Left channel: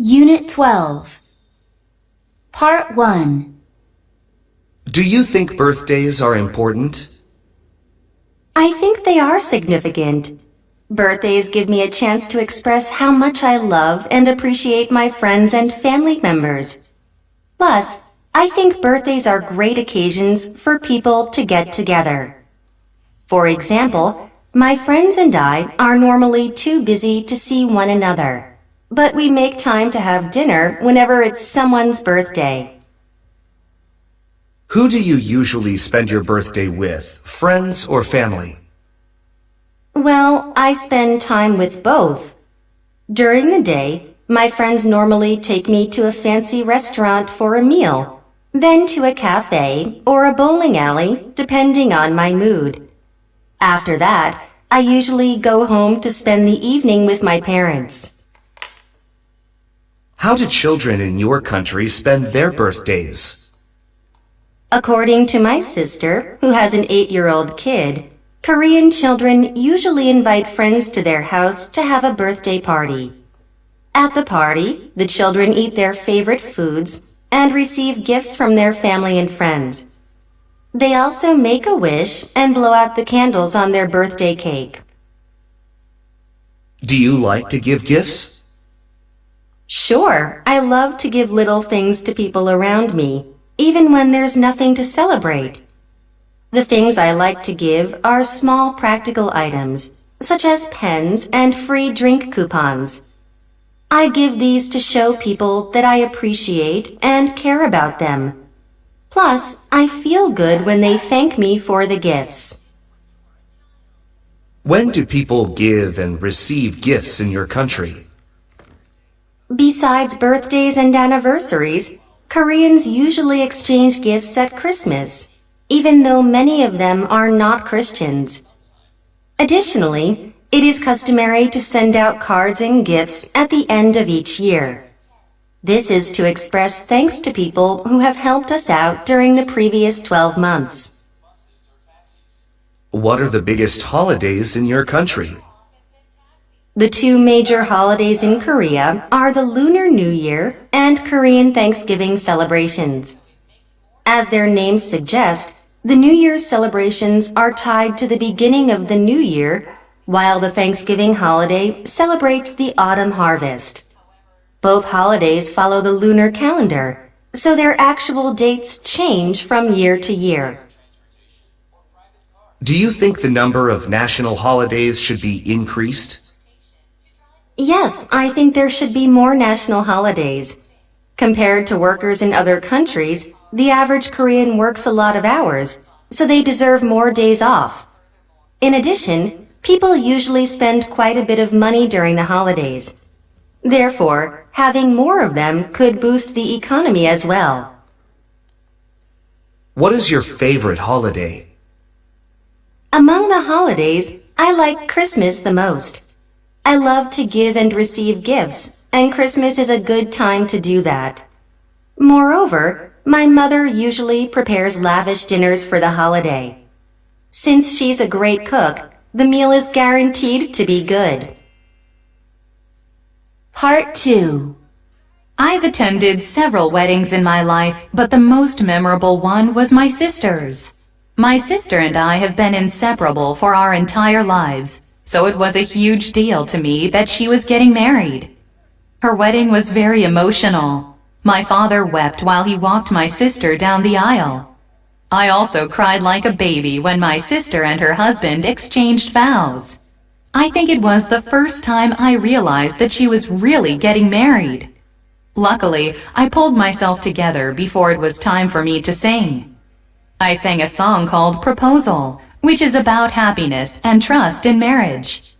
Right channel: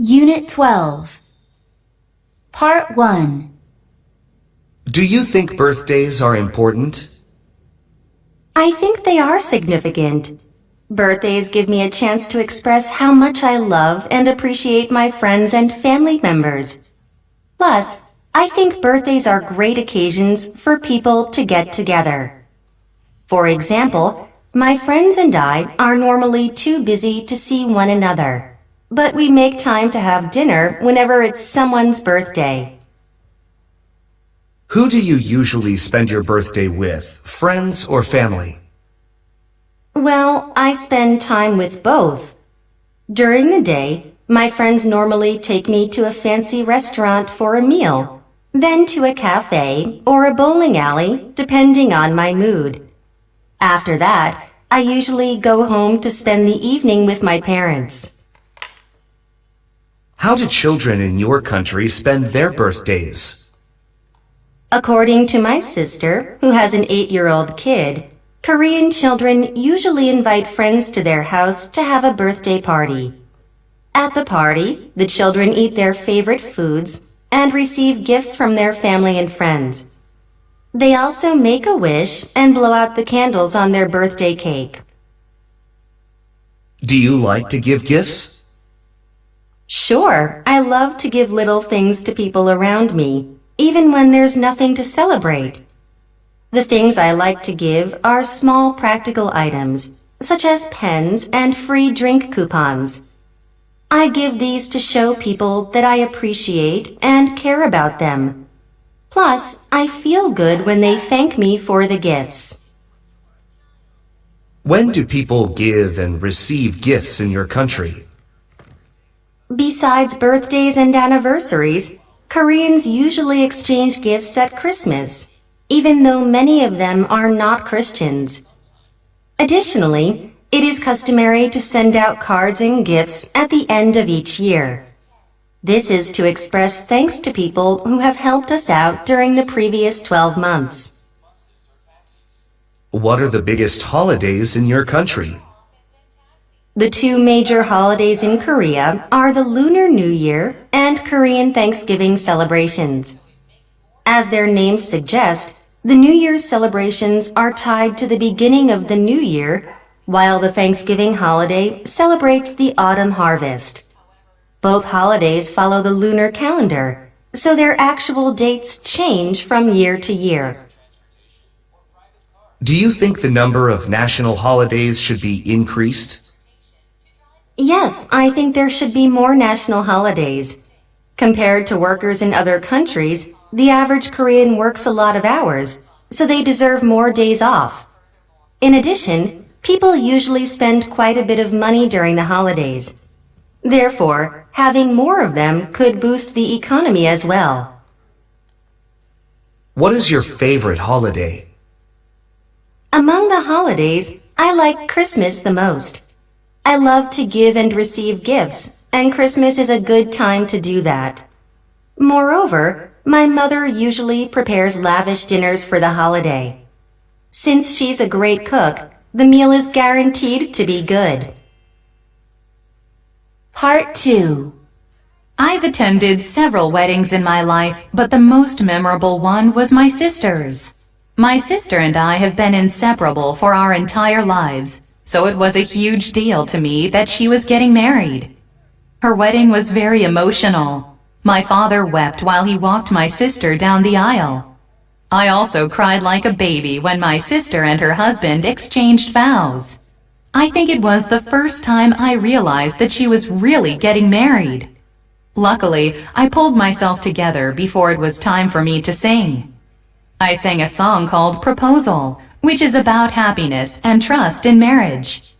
Unit 12, Part 1. Do you think birthdays are important? I think they are significant. Birthdays give me a chance to express how much I love and appreciate my friends and family members. Plus, I think birthdays are great occasions for people to get together. For example, my friends and I are normally too busy to see one another, but we make time to have dinner whenever it's someone's birthday. Who do you usually spend your birthday with, friends or family? Well, I spend time with both. During the day, my friends normally take me to a fancy restaurant for a meal, then to a cafe or a bowling alley, depending on my mood. After that, I usually go home to spend the evening with my parents. How do children in your country spend their birthdays? According to my sister, who has an 8-year-old kid, Korean children usually invite friends to their house to have a birthday party. At the party, the children eat their favorite foods and receive gifts from their family and friends. They also make a wish and blow out the candles on their birthday cake. Do you like to give gifts? Sure, I love to give little things to people around me, even when there's nothing to celebrate. The things I like to give are small practical items, such as pens and free drink coupons. I give these to show people that I appreciate and care about them. Plus, I feel good when they thank me for the gifts. When do people give and receive gifts in your country? Besides birthdays and anniversaries, Koreans usually exchange gifts at Christmas, even though many of them are not Christians. Additionally, it is customary to send out cards and gifts at the end of each year. This is to express thanks to people who have helped us out during the previous 12 months. What are the biggest holidays in your country? The two major holidays in Korea are the Lunar New Year and Korean Thanksgiving celebrations. As their names suggest, the New Year's celebrations are tied to the beginning of the new year, while the Thanksgiving holiday celebrates the autumn harvest. Both holidays follow the lunar calendar, so their actual dates change from year to year. Do you think the number of national holidays should be increased? Yes, I think there should be more national holidays. Compared to workers in other countries, the average Korean works a lot of hours, so they deserve more days off. In addition, people usually spend quite a bit of money during the holidays. Therefore, having more of them could boost the economy as well. What is your favorite holiday? Among the holidays, I like Christmas the most. I love to give and receive gifts, and Christmas is a good time to do that. Moreover, my mother usually prepares lavish dinners for the holiday. Since she's a great cook, the meal is guaranteed to be good. Part 2. I've attended several weddings in my life, but the most memorable one was my sister's. My sister and I have been inseparable for our entire lives, so it was a huge deal to me that she was getting married. Her wedding was very emotional. My father wept while he walked my sister down the aisle. I also cried like a baby when my sister and her husband exchanged vows. I think it was the first time I realized that she was really getting married. Luckily, I pulled myself together before it was time for me to sing. I sang a song called Proposal, which is about happiness and trust in marriage.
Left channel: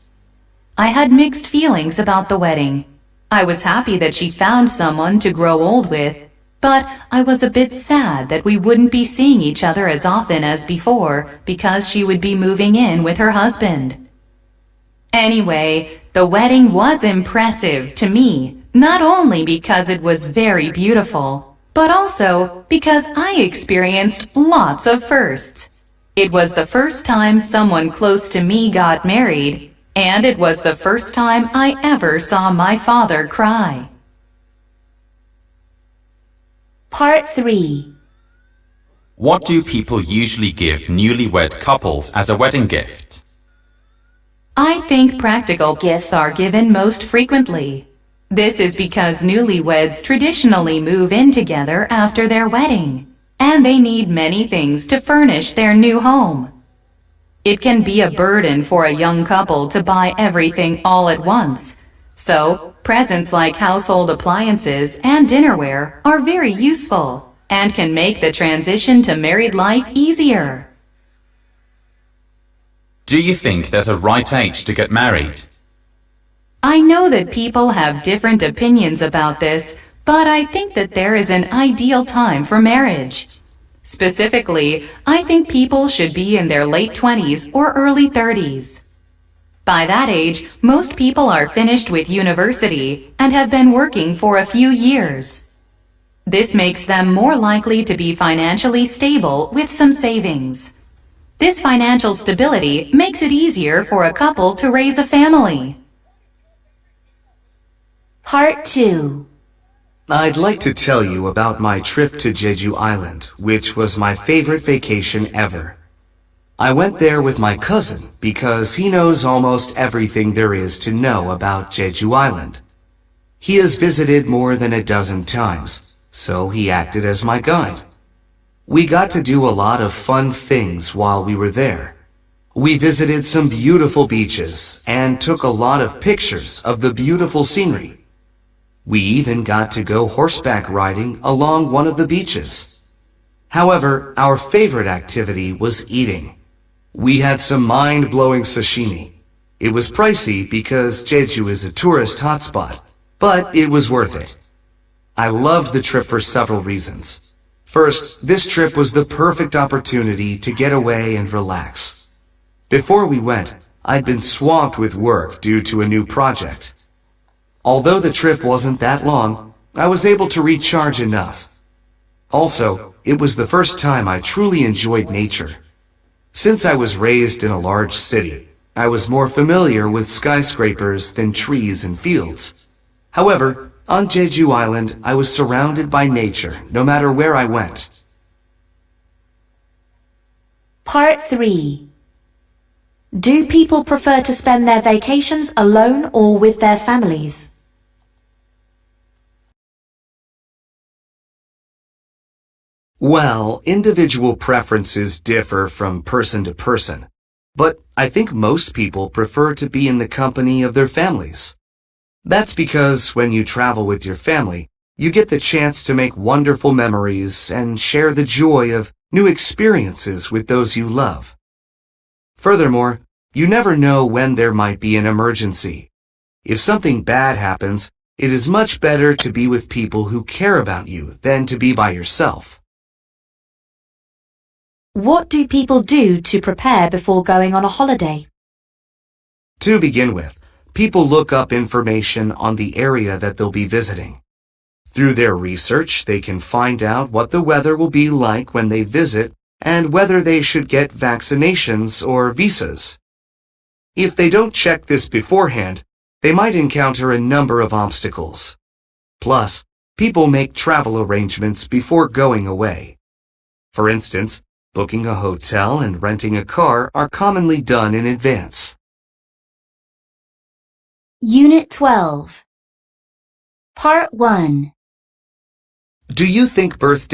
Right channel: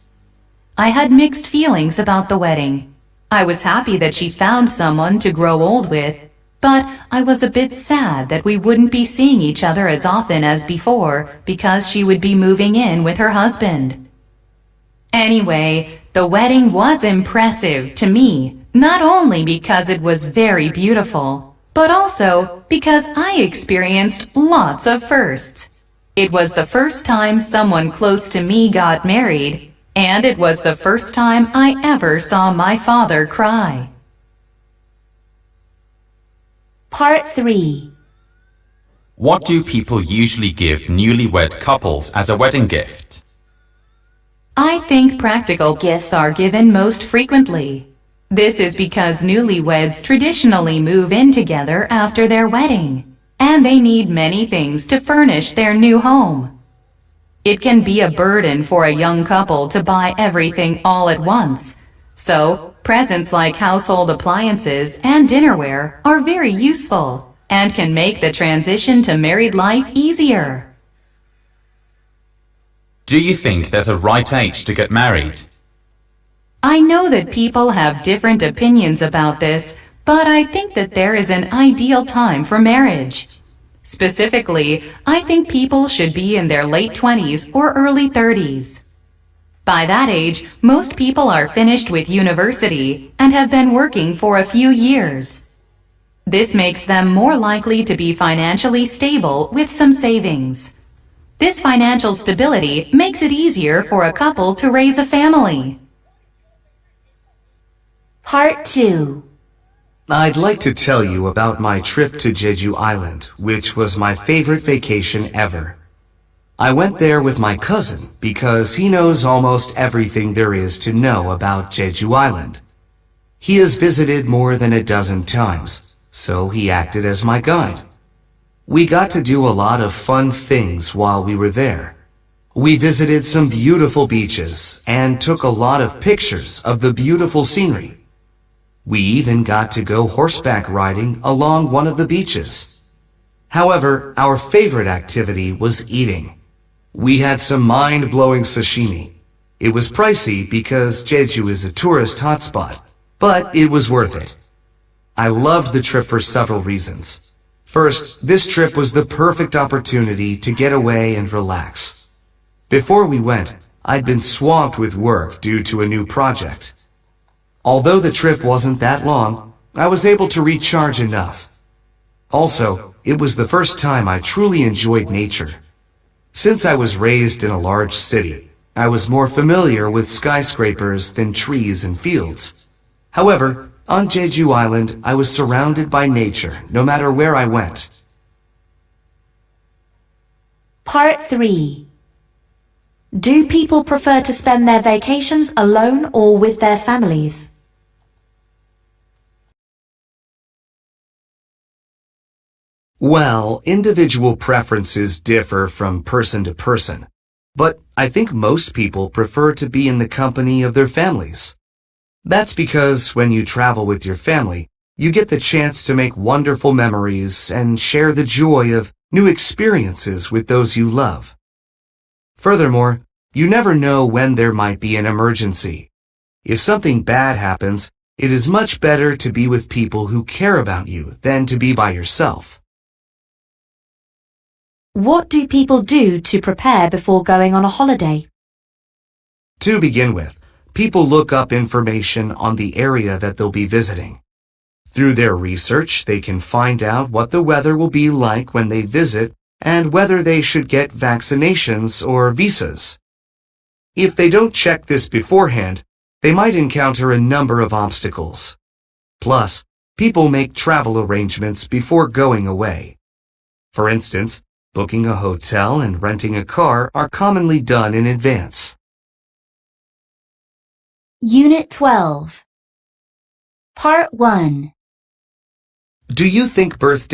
I had mixed feelings about the wedding. I was happy that she found someone to grow old with, but I was a bit sad that we wouldn't be seeing each other as often as before because she would be moving in with her husband. Anyway, the wedding was impressive to me, not only because it was very beautiful, but also because I experienced lots of firsts. It was the first time someone close to me got married, and it was the first time I ever saw my father cry. Part 3. What do people usually give newlywed couples as a wedding gift? I think practical gifts are given most frequently. This is because newlyweds traditionally move in together after their wedding, and they need many things to furnish their new home. It can be a burden for a young couple to buy everything all at once, so presents like household appliances and dinnerware are very useful and can make the transition to married life easier. Do you think there's a right age to get married? I know that people have different opinions about this, but I think that there is an ideal time for marriage. Specifically, I think people should be in their late 20s or early 30s. By that age, most people are finished with university and have been working for a few years. This makes them more likely to be financially stable with some savings. This financial stability makes it easier for a couple to raise a family. Part 2. I'd like to tell you about my trip to Jeju Island, which was my favorite vacation ever. I went there with my cousin because he knows almost everything there is to know about Jeju Island. He has visited more than a dozen times, so he acted as my guide. We got to do a lot of fun things while we were there. We visited some beautiful beaches and took a lot of pictures of the beautiful scenery. We even got to go horseback riding along one of the beaches. However, our favorite activity was eating. We had some mind-blowing sashimi. It was pricey because Jeju is a tourist hotspot, but it was worth it. I loved the trip for several reasons. First, this trip was the perfect opportunity to get away and relax. Before we went, I'd been swamped with work due to a new project. Although the trip wasn't that long, I was able to recharge enough. Also, it was the first time I truly enjoyed nature. Since I was raised in a large city, I was more familiar with skyscrapers than trees and fields. However, on Jeju Island, I was surrounded by nature no matter where I went. Part 3. Do people prefer to spend their vacations alone or with their families? Well, individual preferences differ from person to person, but I think most people prefer to be in the company of their families. That's because when you travel with your family, you get the chance to make wonderful memories and share the joy of new experiences with those you love. Furthermore, you never know when there might be an emergency. If something bad happens, it is much better to be with people who care about you than to be by yourself. What do people do to prepare before going on a holiday? To begin with, people look up information on the area that they'll be visiting. Through their research, they can find out what the weather will be like when they visit and whether they should get vaccinations or visas. If they don't check this beforehand, they might encounter a number of obstacles. Plus, people make travel arrangements before going away. For instance, booking a hotel and renting a car are commonly done in advance. Unit 12. Part 1. Do you think birthday